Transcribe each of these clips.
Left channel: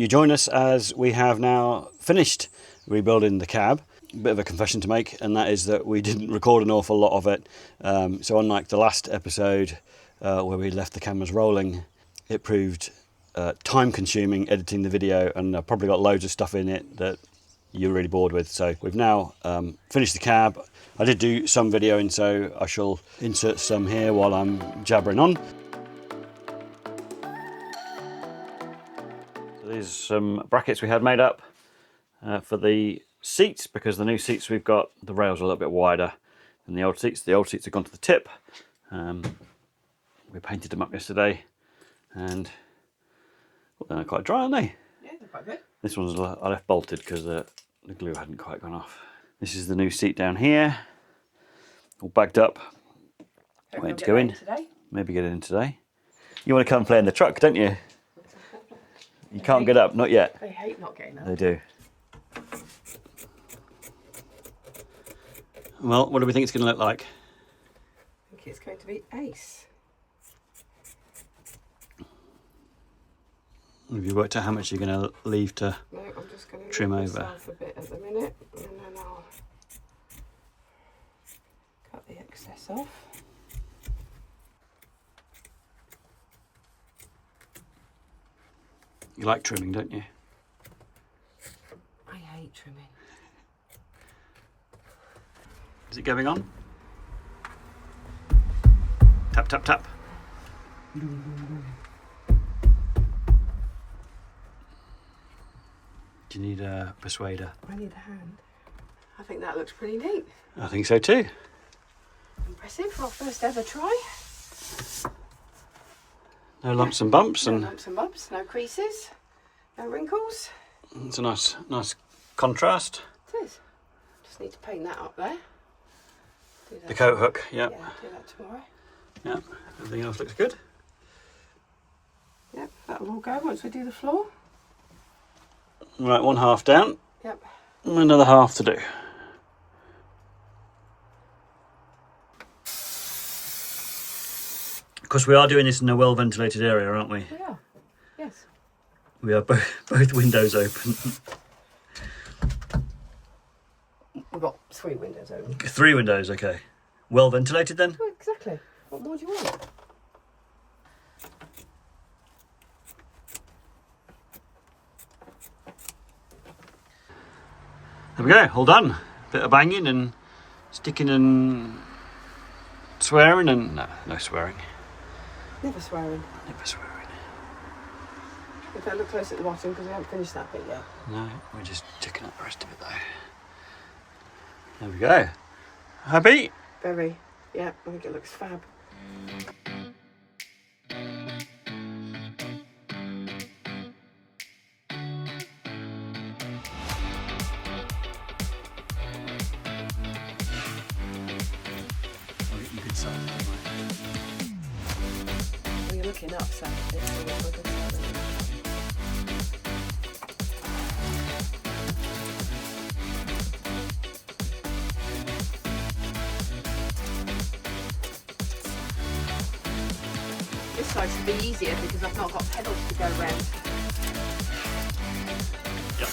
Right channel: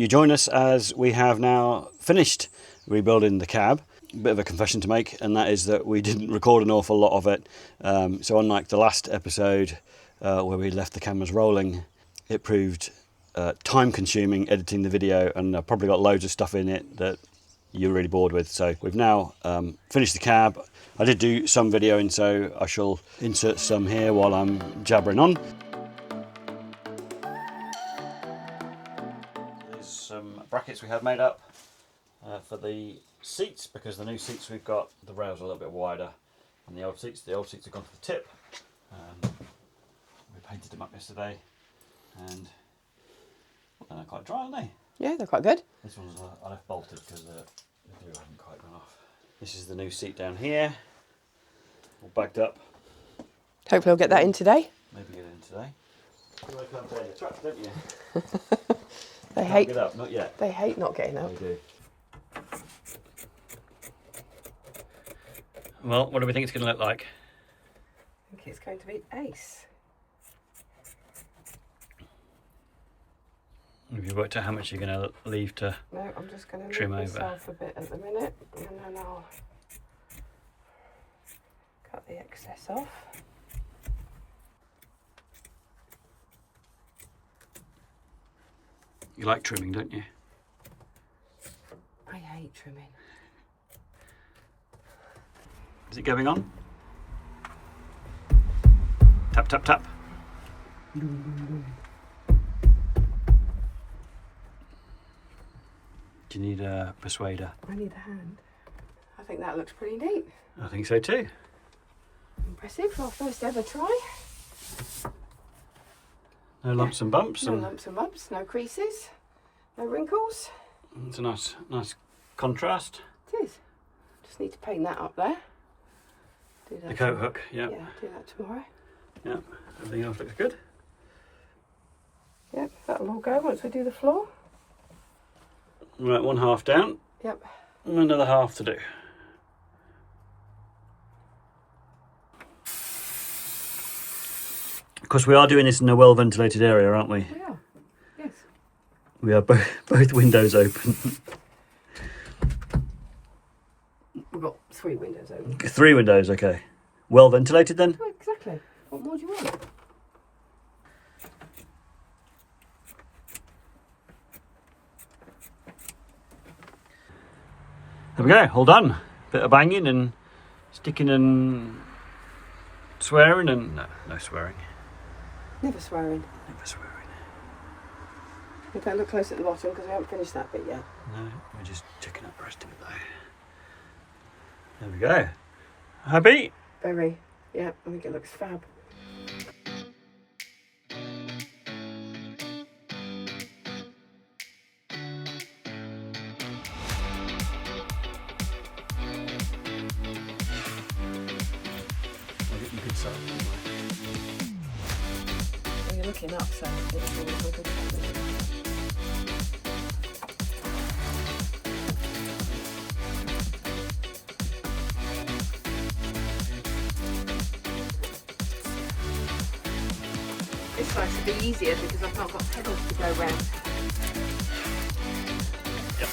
you join us as we have now finished rebuilding the cab. A bit of a confession to make, and that is that we didn't record an awful lot of it. So unlike the last episode where we left the cameras rolling, it proved time consuming editing the video, and I've probably got loads of stuff in it that you're really bored with. So we've now finished the cab. I did do some videoing, so I shall insert some here while I'm jabbering on. So these are some brackets we had made up for the seats, because the new seats we've got, the rails are a little bit wider than the old seats. The old seats have gone to the tip. We painted them up yesterday, and well, they're quite dry, aren't they? Yeah, they're quite good. This one's I left bolted because the glue hadn't quite gone off. This is the new seat down here, all bagged up. Hopefully we'll get that in today. Maybe get it in today. You want to come and play in the truck, don't you? You can't get up, not yet. They hate not getting up. They do. Well, what do we think it's going to look like? I think it's going to be ace. Have you worked out how much you're going to leave to No, I'm just going to trim over? myself a bit at the minute, and then I'll cut the excess off. You like trimming, don't you? I hate trimming. Is it going on? Tap, tap, tap. Do you need a persuader? I need a hand. I think that looks pretty neat. I think so too. Impressive for our first ever try. No lumps and bumps. No lumps and bumps, no creases, no wrinkles. It's a nice contrast. It is. Just need to paint that up there. Do that The coat hook, yep. Yeah, do that tomorrow. Yep, everything else looks good. Yep, that'll all go once we do the floor. Right, one half down. Yep. Another half to do. Of course, we are doing this in a well-ventilated area, aren't we? We are, yes. We have both windows open. We've got 3 windows open. 3 windows, okay. Well-ventilated then? Well, exactly. What more do you want? There we go, all done. Bit of banging and sticking and swearing and... No swearing. Never swearing. Never swearing. We've got to look close at the bottom because we haven't finished that bit yet. No, we're just ticking up the rest of it though. There we go. Happy? Very. Yeah, I think it looks fab. You could say it, Well, you're looking up, so it's always a good thing. This side should be easier because I've not got pedals to go around. Yep.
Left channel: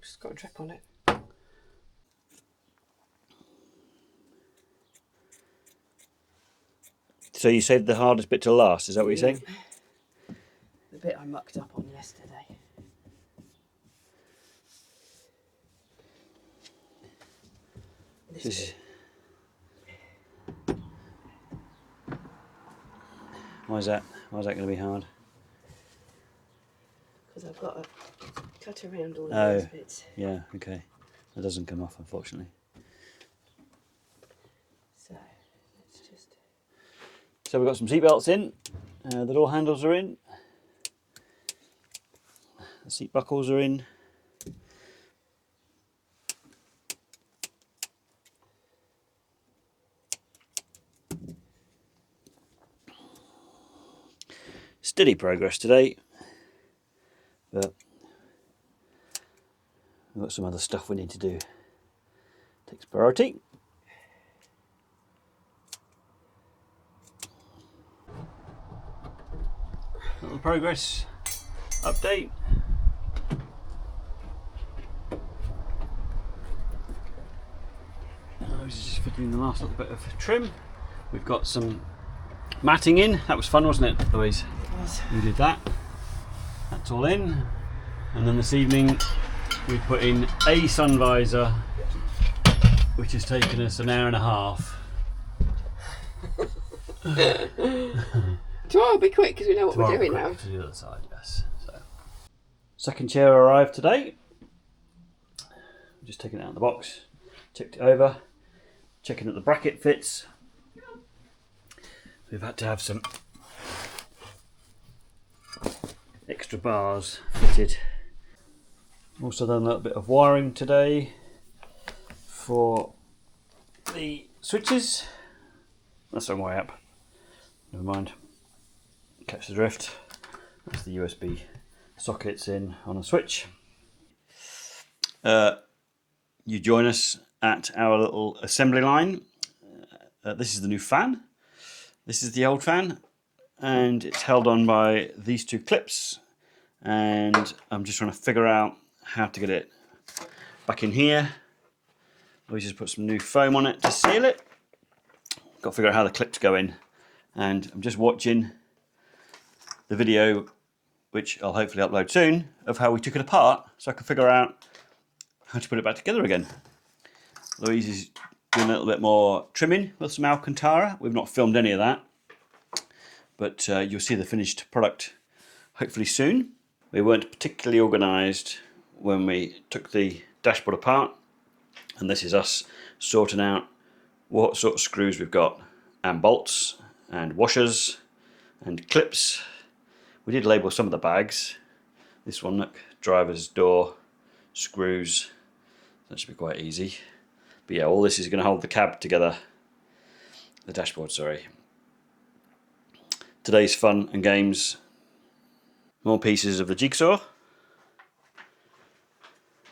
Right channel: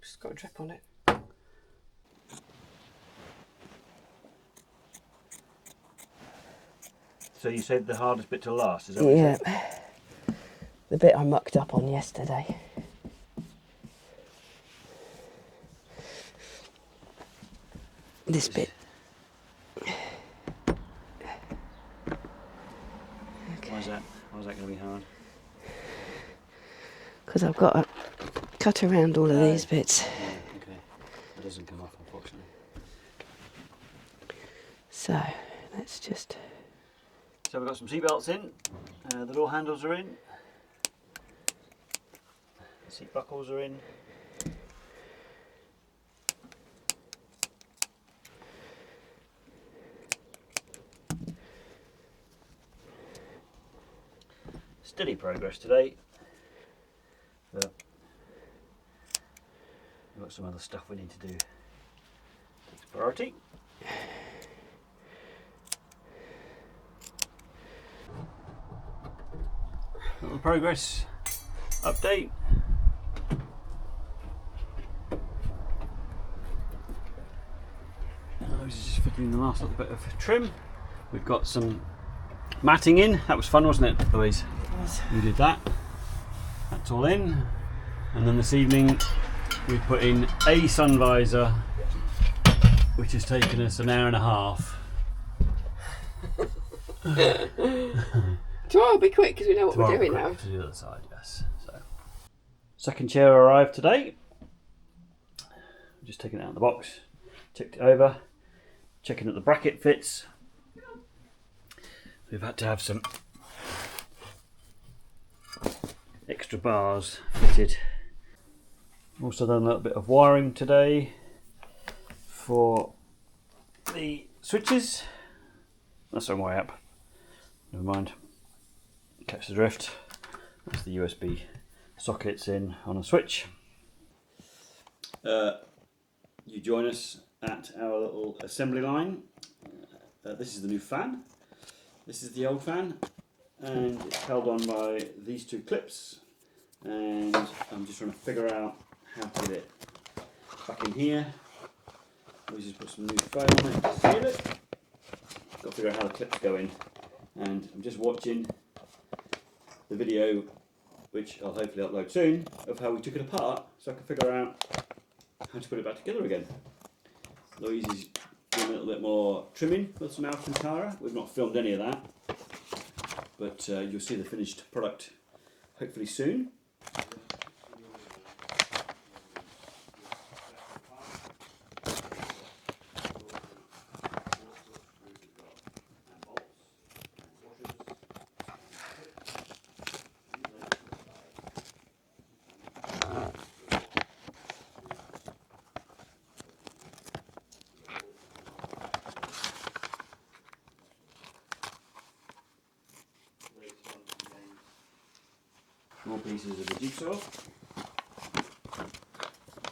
Oops, got a drip on it. So you saved the hardest bit till last, is that what you're saying? The bit I mucked up on yesterday. This bit. Why is that going to be hard? Because I've got to cut around all of these bits. Yeah, okay. It doesn't come off, unfortunately. So, let's just... So we've got some seat belts in. The door handles are in. The seat buckles are in. Steady progress today, but we've got some other stuff we need to do. Takes priority. Little progress update. Louise is just fitting in the last little bit of trim. We've got some matting in. That was fun, wasn't it, Louise? It was. We did that. That's all in. And then this evening we put in a sun visor, which has taken us an hour and a half. Tomorrow will be quick because we know what we're doing now. To the other side, yes. So, second chair arrived today. I'm just taking it out of the box, checked it over, checking that the bracket fits. We've had to have some extra bars fitted. Also done a little bit of wiring today for the switches. That's on way up. Never mind. Catch the drift. That's the USB sockets in on a switch. You join us at our little assembly line. This is the new fan. This is the old fan, and it's held on by these two clips. And I'm just trying to figure out how to get it back in here. We just put some new foam on it to seal it. Got to figure out how the clips go in, and I'm just watching the video, which I'll hopefully upload soon, of how we took it apart so I can figure out how to put it back together again. Louise is doing a little bit more trimming with some Alcantara. We've not filmed any of that, but you'll see the finished product hopefully soon. We weren't particularly organised when we took the dashboard apart, and this is us sorting out what sort of screws we've got, and bolts and washers and clips. We did label some of the bags. This one, look, driver's door, screws. That should be quite easy. But yeah, all this is going to hold the cab together. The dashboard, sorry. Today's fun and games. More pieces of the jigsaw.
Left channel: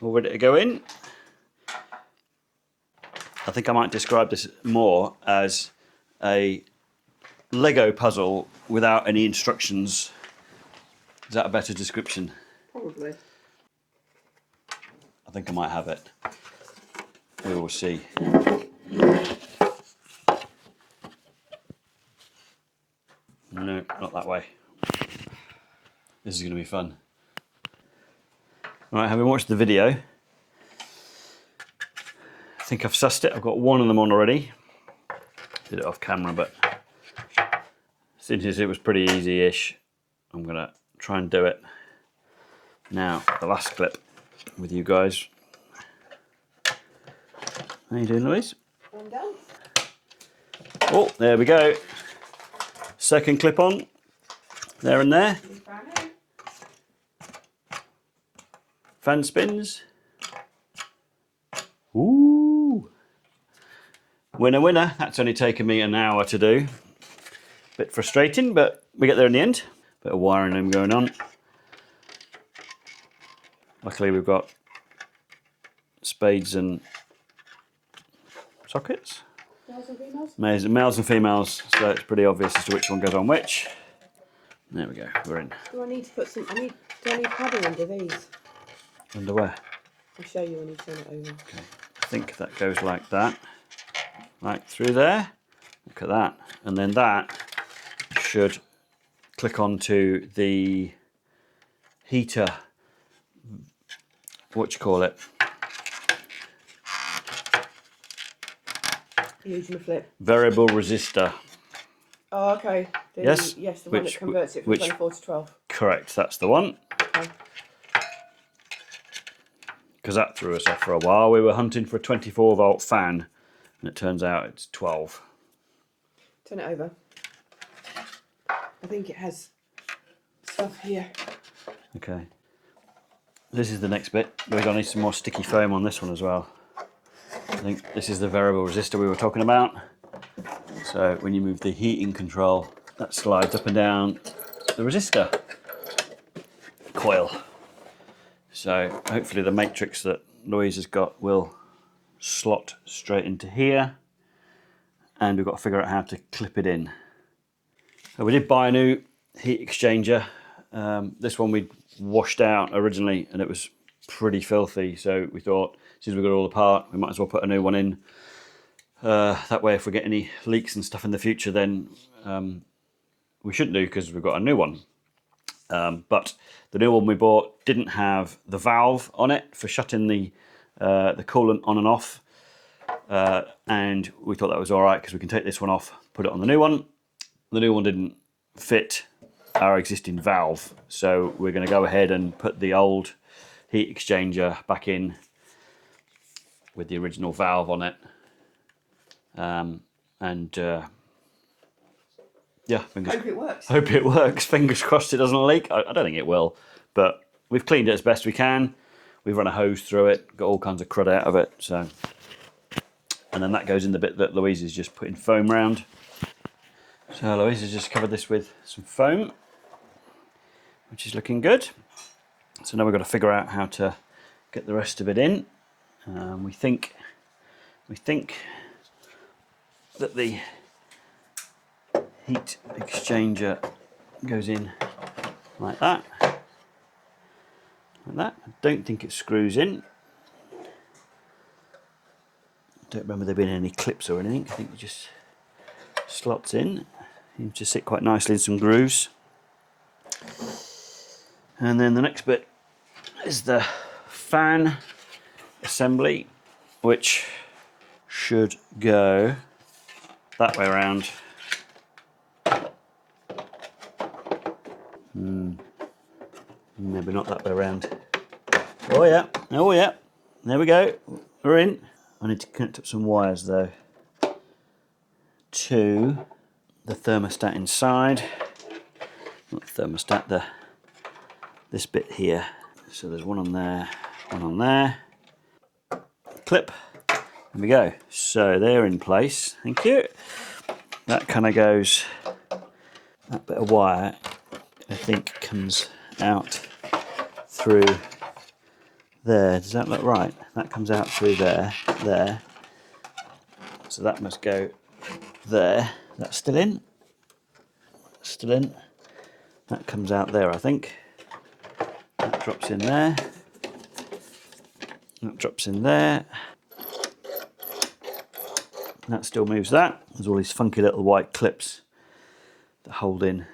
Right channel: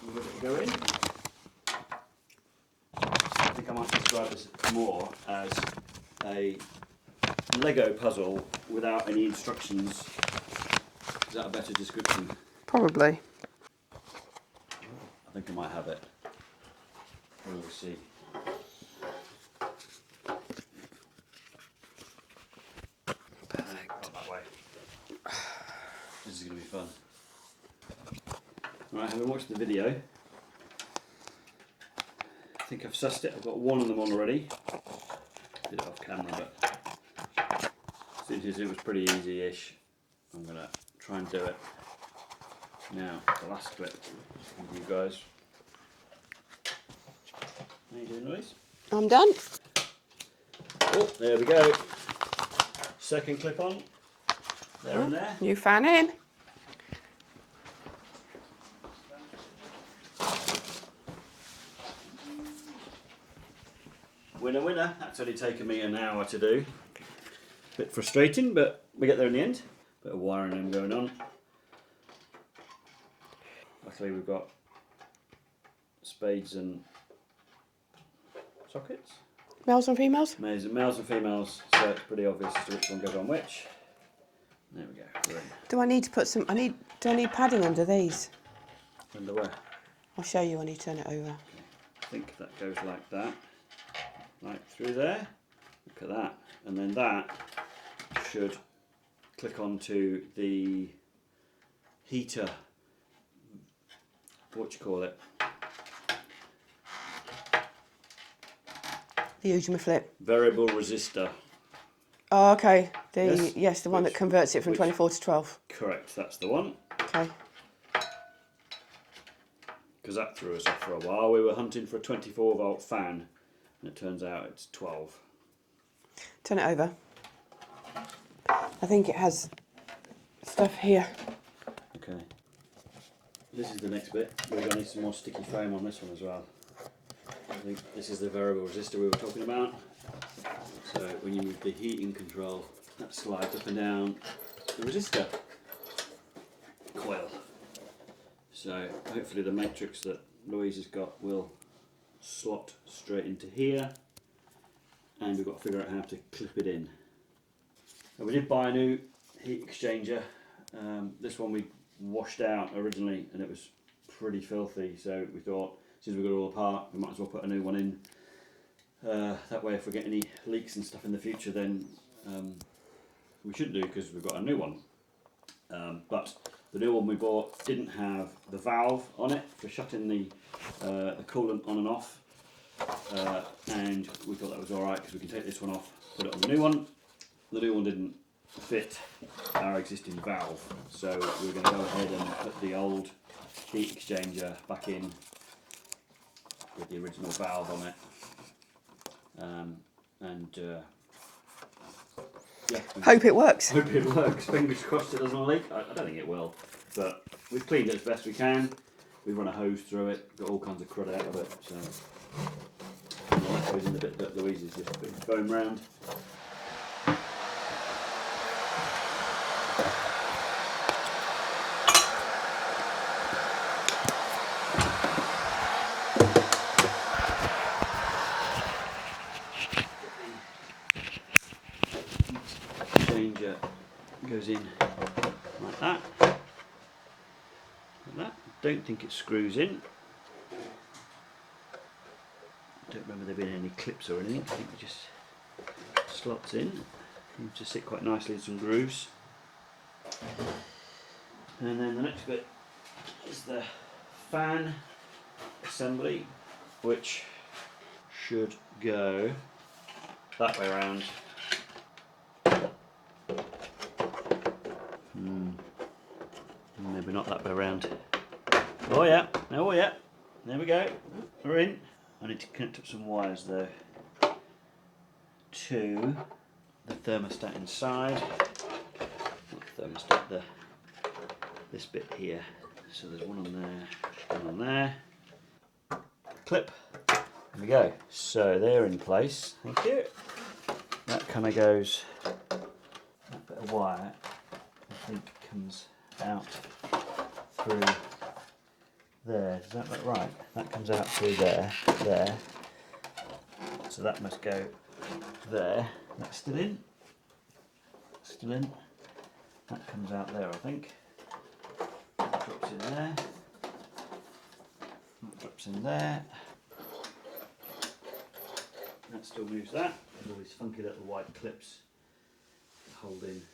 All ready to go in. I think I might describe this more as a Lego puzzle without any instructions. Is that a better description? Probably. I think I might have it. We will see. No, not that way. This is going to be fun. Right, having watched the video, I think I've sussed it. I've got one of them on already. Did it off camera, but since it was pretty easy-ish, I'm going to try and do it now. The last clip with you guys. How you doing, Louise? I'm done. Oh, there we go. Second clip on. There and there. New fan in. Fan spins. Ooh. Winner, winner. That's only taken me an hour to do. Bit frustrating, but we get there in the end. Bit of wiring them going on. Luckily we've got spades and sockets. Males and females? Males and females, so it's pretty obvious as to which one goes on which. There we go, we're in. Do I need to put some, do I need padding under these? Underwear. I'll show you when you turn it over. Okay. I think that goes like that, right through there. Look at that, and then that should click onto the heater. What you call it? Use my flip. Variable resistor. Oh, okay. Yes? Yes, the one that converts it from 24 to 12. Correct, that's the one. Okay. Because that threw us off for a while. We were hunting for a 24 volt fan, and it turns out it's 12. Turn it over. I think it has stuff here. Okay. This is the next bit. We're going to need some more sticky foam on this one as well. I think this is the variable resistor we were talking about. So when you move the heating control, that slides up and down the resistor coil. So hopefully the matrix that Louise has got will slot straight into here, and we've got to figure out how to clip it in. So we did buy a new heat exchanger. This one we washed out originally and it was pretty filthy, so we thought since we got it all apart we might as well put a new one in. That way if we get any leaks and stuff in the future, then we shouldn't do, because we've got a new one. But the new one we bought didn't have the valve on it for shutting the coolant on and off, and we thought that was alright because we can take this one off, put it on the new one. The new one didn't fit our existing valve, so we're going to go ahead and put the old heat exchanger back in with the original valve on it. Yeah, Hope it works. Hope it works. Fingers crossed it doesn't leak. I don't think it will, but we've cleaned it as best we can. We've run a hose through it, got all kinds of crud out of it. So, and then that goes in the bit that Louise is just putting foam round. So Louise has just covered this with some foam, which is looking good. So now we've got to figure out how to put the rest of it in. And I think that the heat exchanger goes in like that. Like that. I don't think it screws in. I don't remember there being any clips or anything. I think it just slots in. Seems to sit quite nicely in some grooves. And then the next bit is the fan assembly, which should go that way around. Maybe not that way around. Oh yeah, oh yeah. There we go. We're in. I need to connect up some wires though to the thermostat inside. Not the thermostat, this bit here. So there's one on there, one on there. Clip. There we go. So they're in place. Thank you. That kind of goes. That bit of wire, I think, comes out through there. Does that look right? That comes out through there, there. So that must go there. That's still in. Still in. That comes out there, I think. That drops in there. That drops in there. That still moves that. There's all these funky little white clips that hold in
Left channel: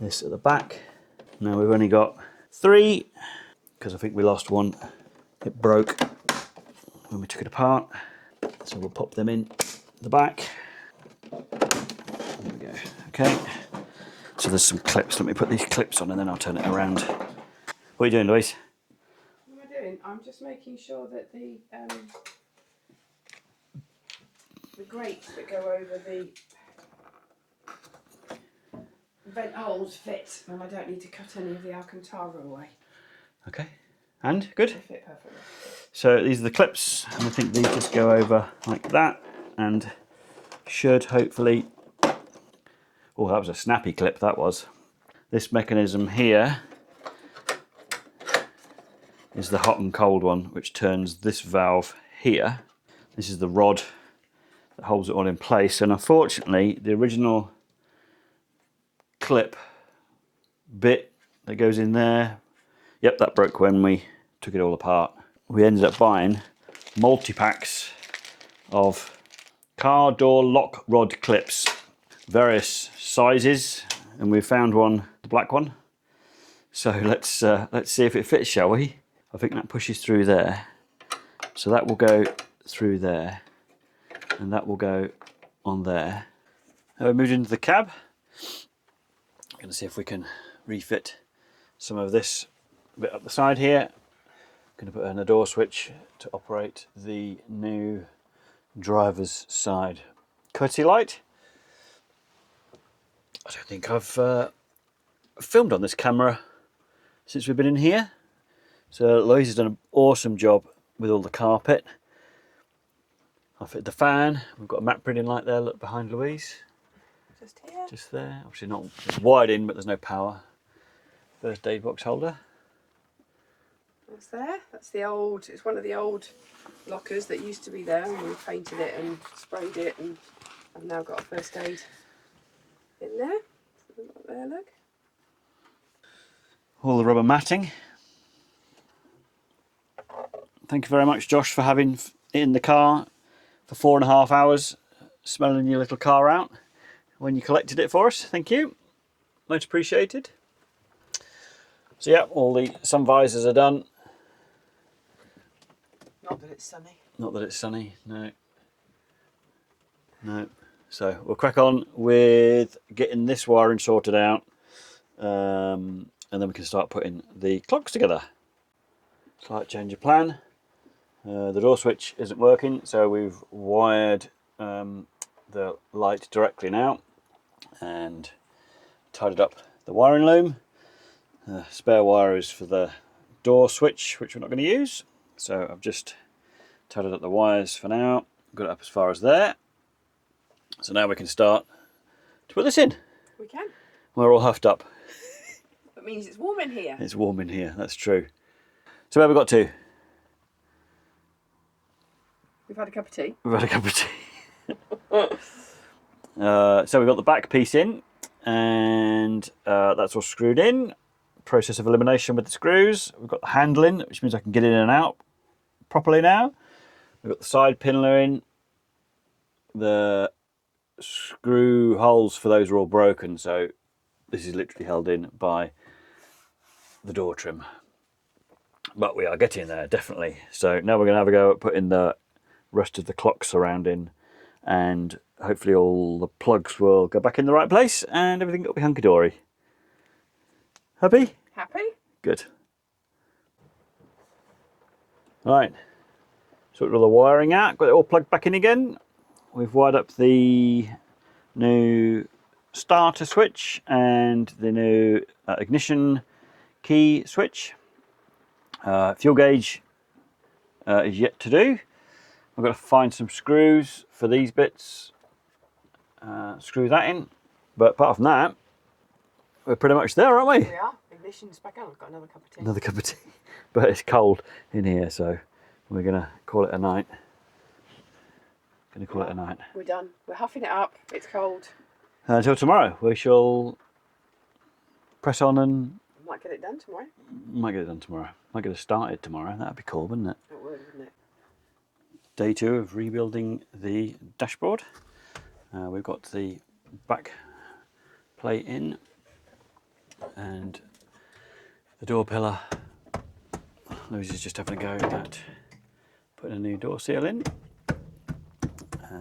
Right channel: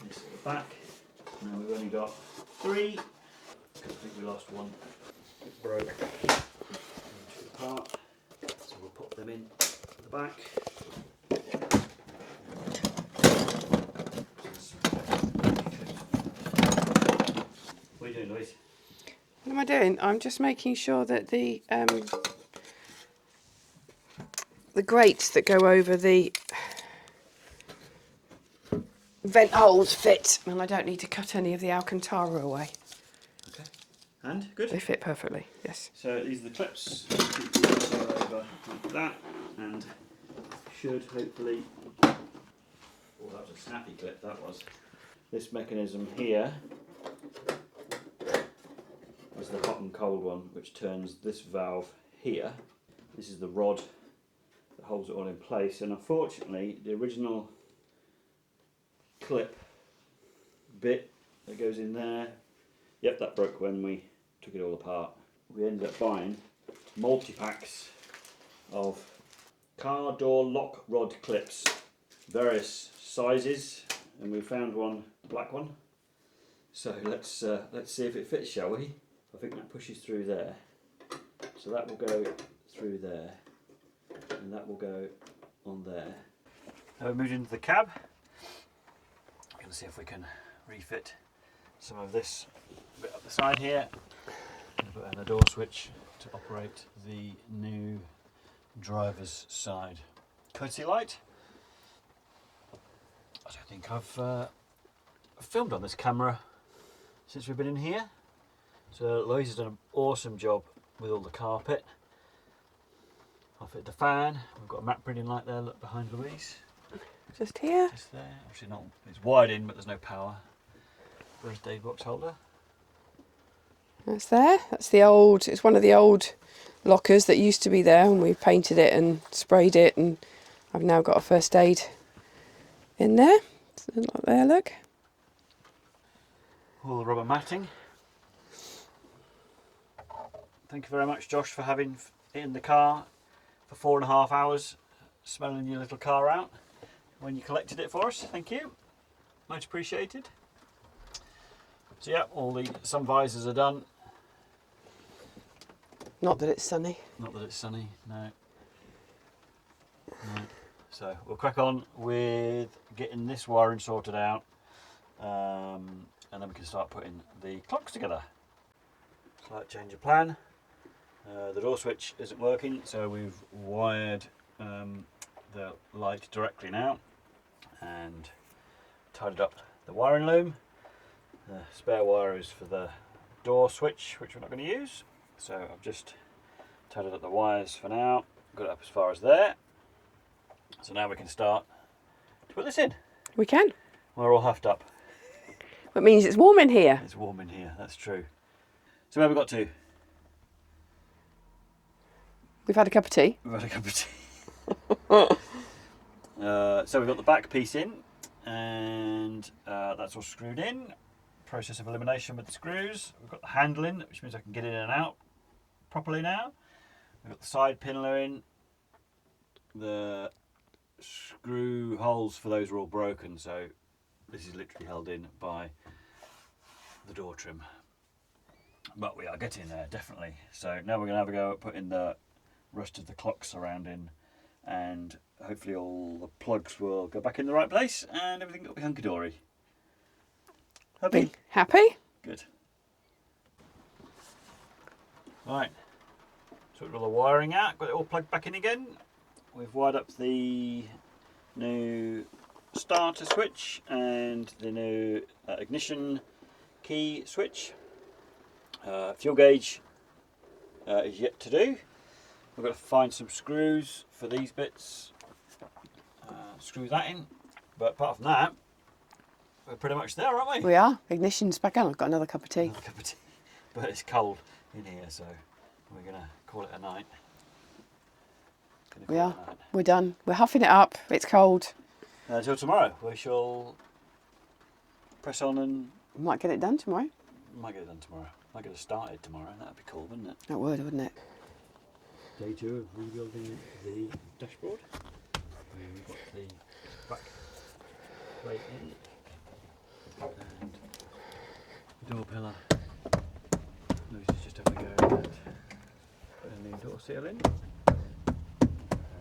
this at the back. Now we've only got 3, because I think we lost one. It broke when we took it apart. So we'll pop them in the back. Okay. So there's some clips. Let me put these clips on and then I'll turn it around. What are you doing, Louise? What am I doing? I'm just making sure that the grates that go over the vent holes fit, and I don't need to cut any of the Alcantara away. Okay. And good? They fit perfectly, yes. So these are the clips, and I think these just go over like that, and should hopefully... Oh, that was a snappy clip, that was. This mechanism here is the hot and cold one, which turns this valve here. This is the rod that holds it all in place, and unfortunately the original clip bit that goes in there, yep, that broke when we took it all apart. We ended up buying multi-packs of car door lock rod clips, various sizes, and we found one, the black one. So let's see if it fits, shall we? I think that pushes through there. So that will go through there, and that will go on there. Now we moved into the cab. I'm going to see if we can refit some of this bit up the side here. I'm going to put in a door switch to operate the new driver's side courtesy light. I don't think I've filmed on this camera since we've been in here. So Louise has done an awesome job with all the carpet. I fitted the fan. We've got a matte printing light there, look behind Louise. Just here. Just there. Obviously not wired in, but there's no power. Birthday box holder. That's there. That's the old, it's one of the old lockers that used to be there, and we painted it and sprayed it, and I've now got a first aid in there. So like there, look. All the rubber matting. Thank you very much, Josh, for having it in the car for 4.5 hours, smelling your little car out when you collected it for us. Thank you. Much appreciated. So yeah, all the sun visors are done. Not that it's sunny. Not that it's sunny, no. No. So we'll crack on with getting this wiring sorted out, and then we can start putting the clocks together. Slight change of plan. The door switch isn't working, so we've wired the light directly now and tidied up the wiring loom. The spare wire is for the door switch, which we're not going to use, so I've just tidied up the wires for now, got it up as far as there. So now we can start to put this in. We can. We're all huffed up. That means it's warm in here. It's warm in here, that's true. So where have we got to? We've had a cup of tea. We've had a cup of tea. So we've got the back piece in, and that's all screwed in. Process of elimination with the screws. We've got the handling, which means I can get in and out properly now. We've got the side pinler in. The screw holes for those are all broken, so this is literally held in by the door trim. But we are getting there, definitely. So now we're going to have a go at putting the rest of the clock surrounding, and hopefully all the plugs will go back in the right place and everything will be hunky-dory. Happy? Happy? Good. Right, so all the wiring out, got it all plugged back in again. We've wired up the new starter switch and the new ignition key switch. Fuel gauge is yet to do. I've got to find some screws for these bits, screw that in, but apart from that, we're pretty much there, aren't we? We are. Ignition's back on. I've got another cup of tea. Another cup of tea, but it's cold in here, so we're going to call it a night. We're done. We're huffing it up. It's cold. Until tomorrow, we shall press on and... Might get it done tomorrow. Might get it done tomorrow. Might get it started tomorrow. That'd be cool, wouldn't it? That would, wouldn't it? Day 2 of rebuilding the dashboard. We've got the back plate in and the door pillar. Louise is just having a go at putting a new door seal in,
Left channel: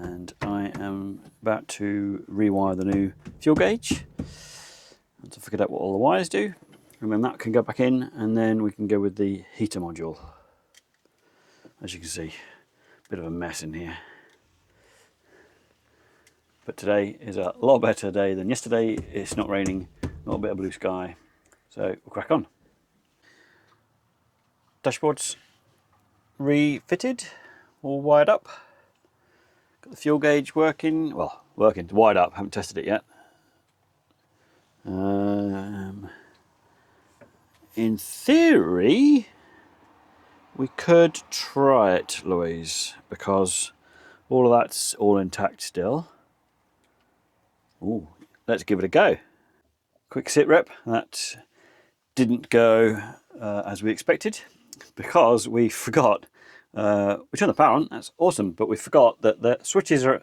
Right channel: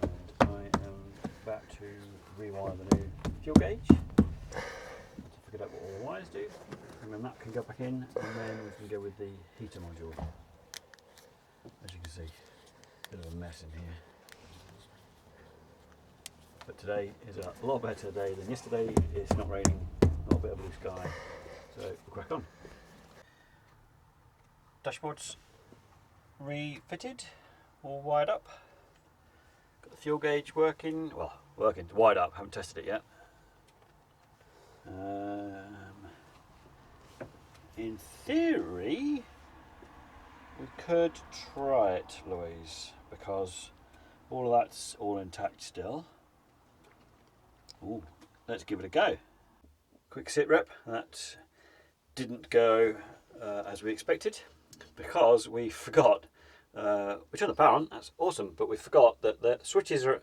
and I am about to rewire the new fuel gauge. To figure out what all the wires do, and then that can go back in, and then we can go with the heater module. As you can see, a bit of a mess in here. But today is a lot better day than yesterday. It's not raining, not a bit of blue sky, so we'll crack on. Dashboard's refitted, all wired up. Got the fuel gauge working, well, working, wired up, haven't tested it yet. In theory, we could try it, Louise, because all of that's all intact still. Ooh, let's give it a go. Quick sit rep. That didn't go as we expected. because we forgot, we turned the power on, that's awesome, but we forgot that the switches are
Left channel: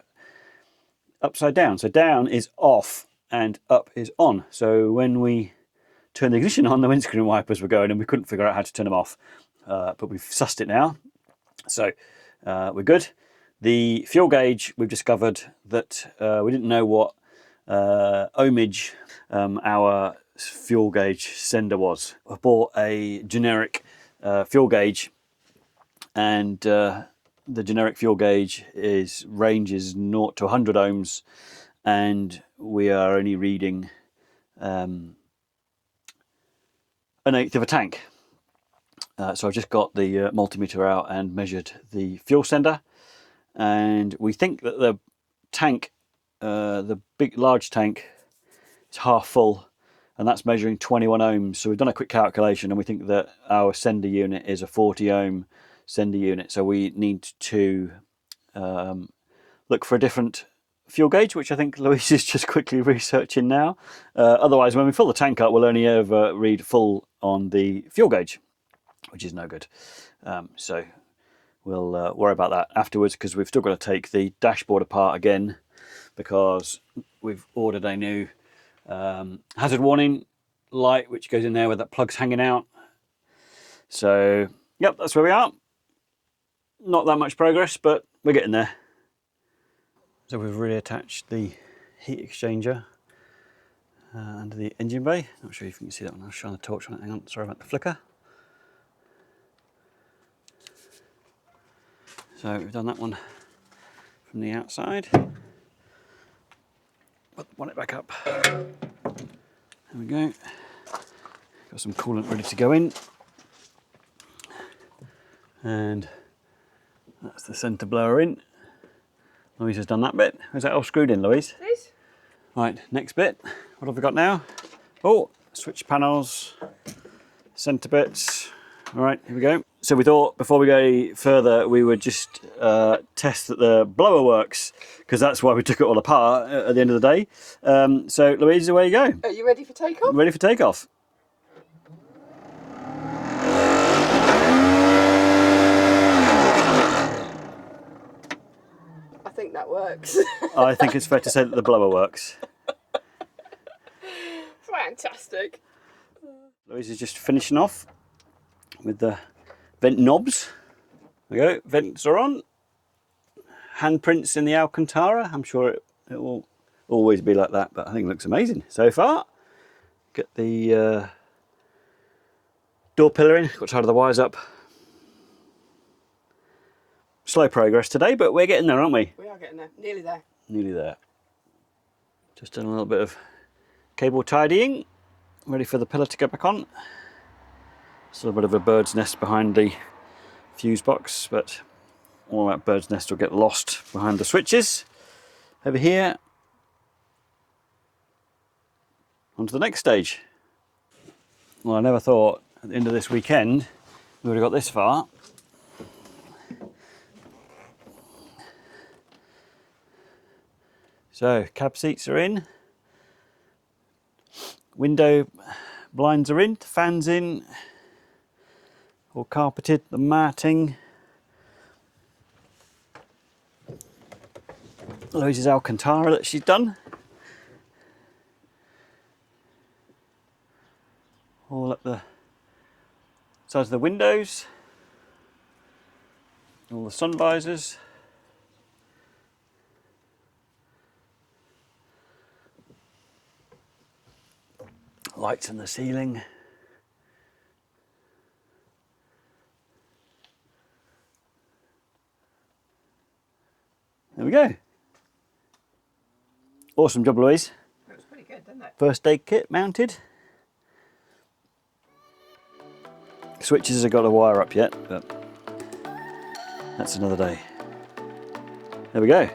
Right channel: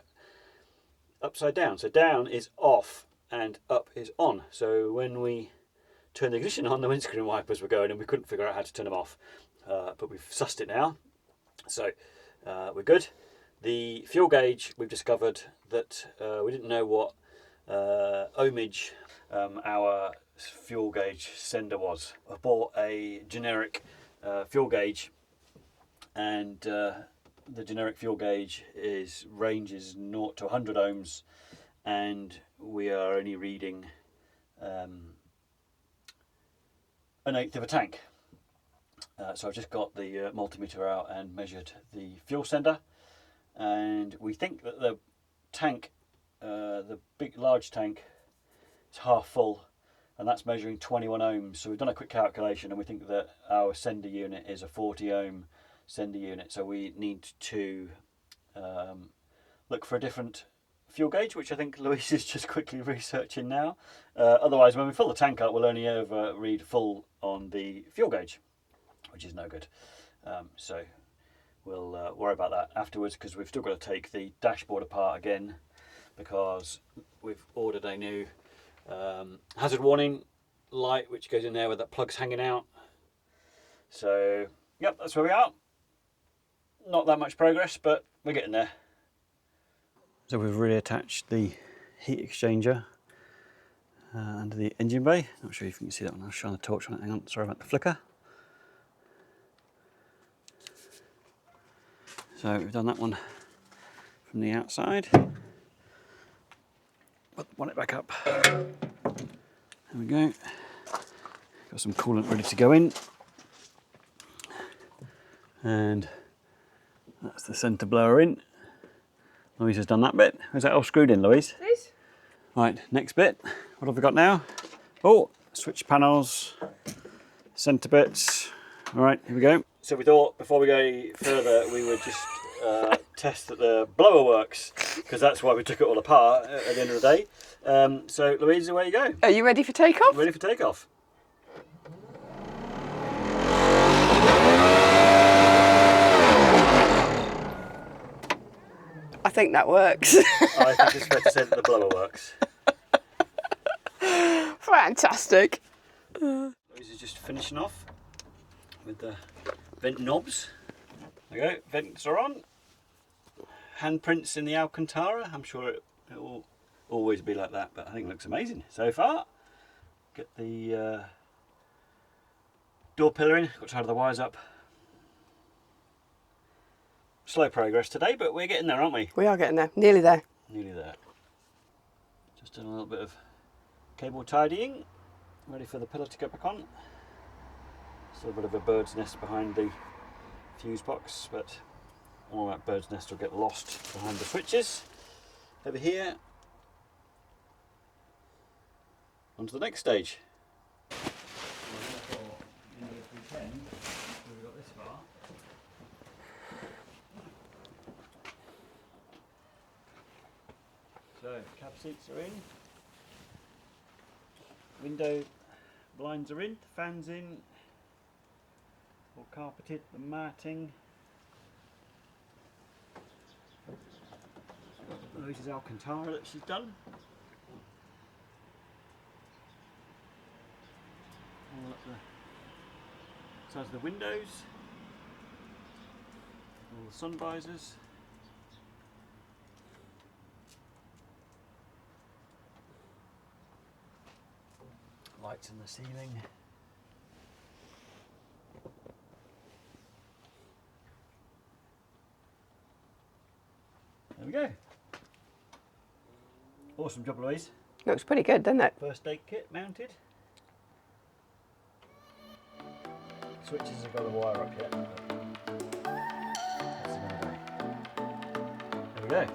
upside down. So down is off and up is on. So when we turned the ignition on, the windscreen wipers were going and we couldn't figure out how to turn them off. But we've sussed it now. So we're good. The fuel gauge, we've discovered that we didn't know what ohmage our fuel gauge sender was. I bought a generic fuel gauge, and the generic fuel gauge ranges 0 to 100 ohms, and we are only reading an eighth of a tank. So I've just got the multimeter out and measured the fuel sender, and we think that the tank, the large tank, is half full, and that's measuring 21 ohms. So we've done a quick calculation, and we think that our sender unit is a 40 ohm sender unit. So we need to look for a different fuel gauge, which I think Louise is just quickly researching now. Otherwise, when we fill the tank up, we'll only ever read full on the fuel gauge, which is no good. So we'll worry about that afterwards, because we've still got to take the dashboard apart again, because we've ordered a new hazard warning light which goes in there where that plug's hanging out. So yep, that's where we are. Not that much progress, but we're getting there. So we've reattached the heat exchanger under the engine bay. Not sure if you can see that one. I'll shine the torch on it. Hang on, sorry about the flicker. So we've done that one from the outside. Want it back up. There we go. Got some coolant ready to go in. And that's the centre blower in. Louise has done that bit. Is that all screwed in, Louise? Please. Right, next bit. What have we got now? Oh, switch panels, centre bits. All right, here we go. So we thought before we go further, we would just test that the blower works, because that's why we took it all apart at the end of the day. So Louise, away you go. Are you ready for takeoff? Ready for takeoff. I think that works. I think it's fair to say that the blower works. Fantastic. Louise is just finishing off with the vent knobs. There we go, vents are on. Handprints in the Alcantara. I'm sure it will always be like that, but I think it looks amazing so far. Get the door pillar in, got to tie the wires up. Slow progress today, but we're getting there, aren't we? We are getting there, nearly there. Nearly there. Just done a little bit of cable tidying, ready for the pillar to go back on. Still a bit of a bird's nest behind the fuse box, but all that bird's nest will get lost behind the switches. Over here, on to the next stage. Well, I never thought at the end of this weekend we would have got this far. So, cab seats are in, window blinds are in, the fans in, all carpeted, the matting. Louise's Alcantara that she's done. All up the sides of the windows, all the sun visors. Lights in the ceiling. There we go. Awesome job, Louise. Looks pretty good, doesn't it? First aid kit mounted. Switches have got a wire up yet, but that's another day. There we go.